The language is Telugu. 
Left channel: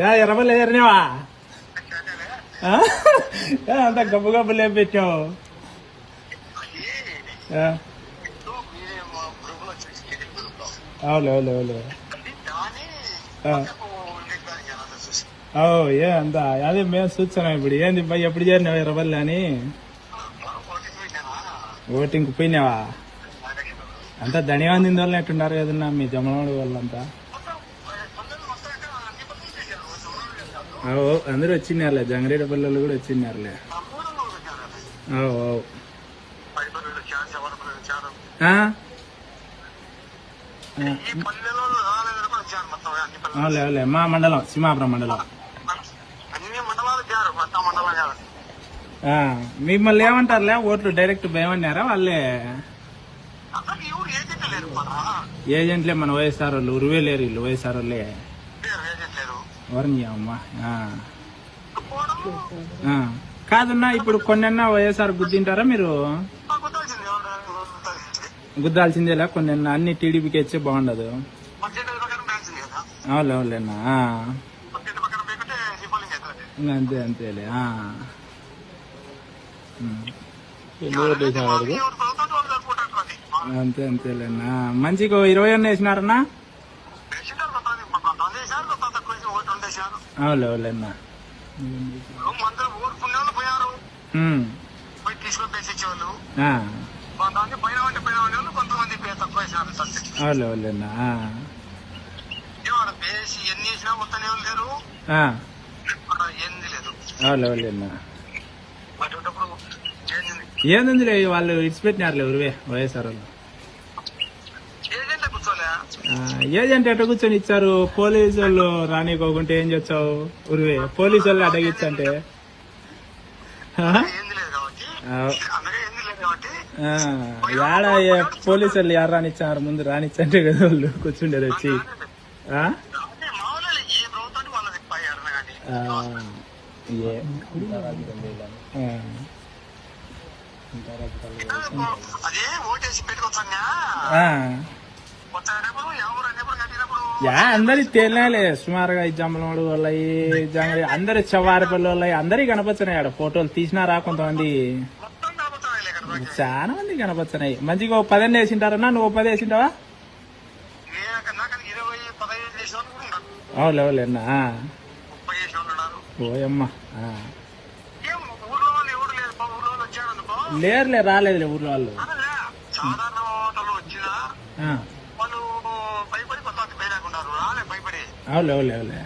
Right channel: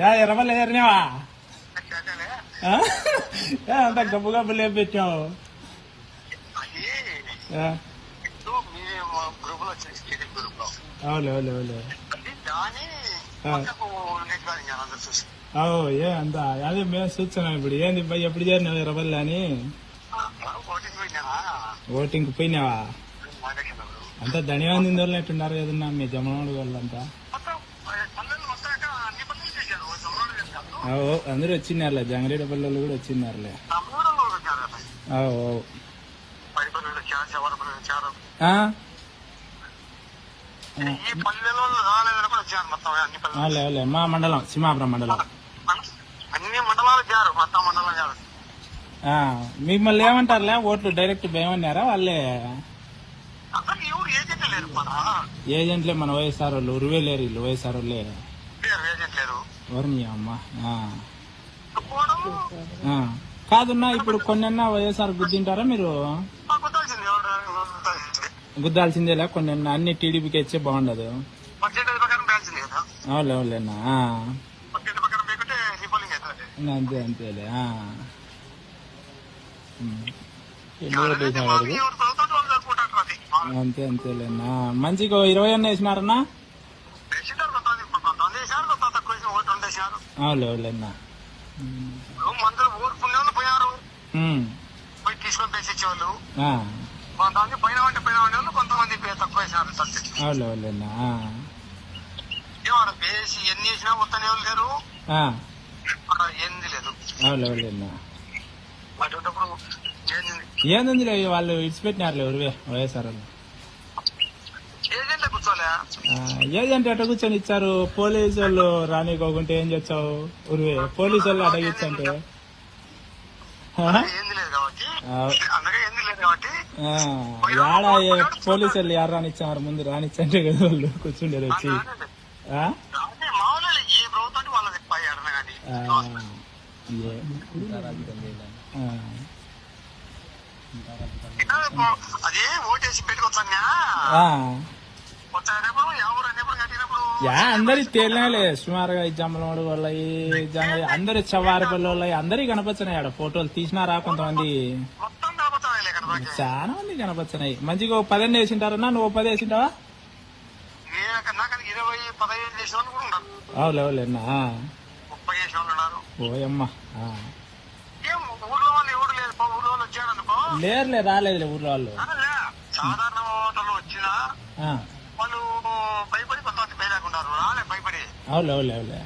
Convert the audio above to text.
యా ఎర్రబల్లి ఎర్రినావా అంత గబ్బు గబ్బులు ఏం పెట్టావు? అవును అవును అవును ఏ అంతా అదే మేము చూస్తున్నాం. ఇప్పుడు ఏంది ఎప్పుడు చేరినావు ఎర్రబల్లి అని? ఓటింగ్ పోయినావా? అంతా ధనియాన్ని వాళ్ళు ఎట్టున్నారు కదన్నా మీ జమనోడు వాళ్ళంతా? అందరూ వచ్చినారులే, జంగారెడ్డి పల్లెలు కూడా వచ్చినారులే. అవులే మా మండలం సింహాపురం మండలం. మిమ్మల్ని ఏమంటారులే, ఓట్లు డైరెక్ట్ భయమన్నారా వాళ్ళే? ఏజెంట్లే మన వైఎస్ఆర్ వాళ్ళు, ఉరువే లేరు వీళ్ళు వైఎస్ఆర్ వాళ్ళే. ఎవరిని అమ్మా కాదున్నా, ఇప్పుడు కొన్నన్నా వైఎస్ఆర్ గుద్దింటారా మీరు? గుద్దాల్సిందేలా కొన్నన్నా, అన్ని టీడీపీకి ఇచ్చే బాగుండదు. అవులే అవులేనా, అంతే అంతేలే. అంతే అంతేలేనా. మంచిగా 20 అన్న వేసినారన్నా? అవులే అవులేనా. అవులే అవులేనా. అవులే అవులేనా. ఏంది వాళ్ళు ఇడిచిపెట్టినారులే ఉరివే వైఎస్ఆర్ వాళ్ళు. ఏజెంట్ ఎట్ట కూర్చొని ఇచ్చారు? పోలీసు వాళ్ళు రానికోకుంటే ఏం చేస్తావు ఉరివే? పోలీసు వాళ్ళు అడగిచ్చంటే యాడ పోలీసు వాళ్ళు యారు రానిచ్చారు? ముందు రానిచ్చంటే కదా వాళ్ళు కూర్చుండారు వచ్చి. అందరి తేలినాలే సుమారుగా జమ్మనోడు వాళ్ళవి, అందరి చెవారిపల్లి వాళ్ళవి అందరికి కనపచ్చినాయి. ఆడ ఫోటోలు తీసినారా కొంతమంది? చాలా మంది కనపచ్చినాయి. మంచిగా 10 వేసింటారన్నా? నువ్వు 10 వేసింటావా? అవులే అవులేనా. ఓయమ్మా లేరులే, రాలేదులే ఊర్లో వాళ్ళు. అవులే అవులే అవులే.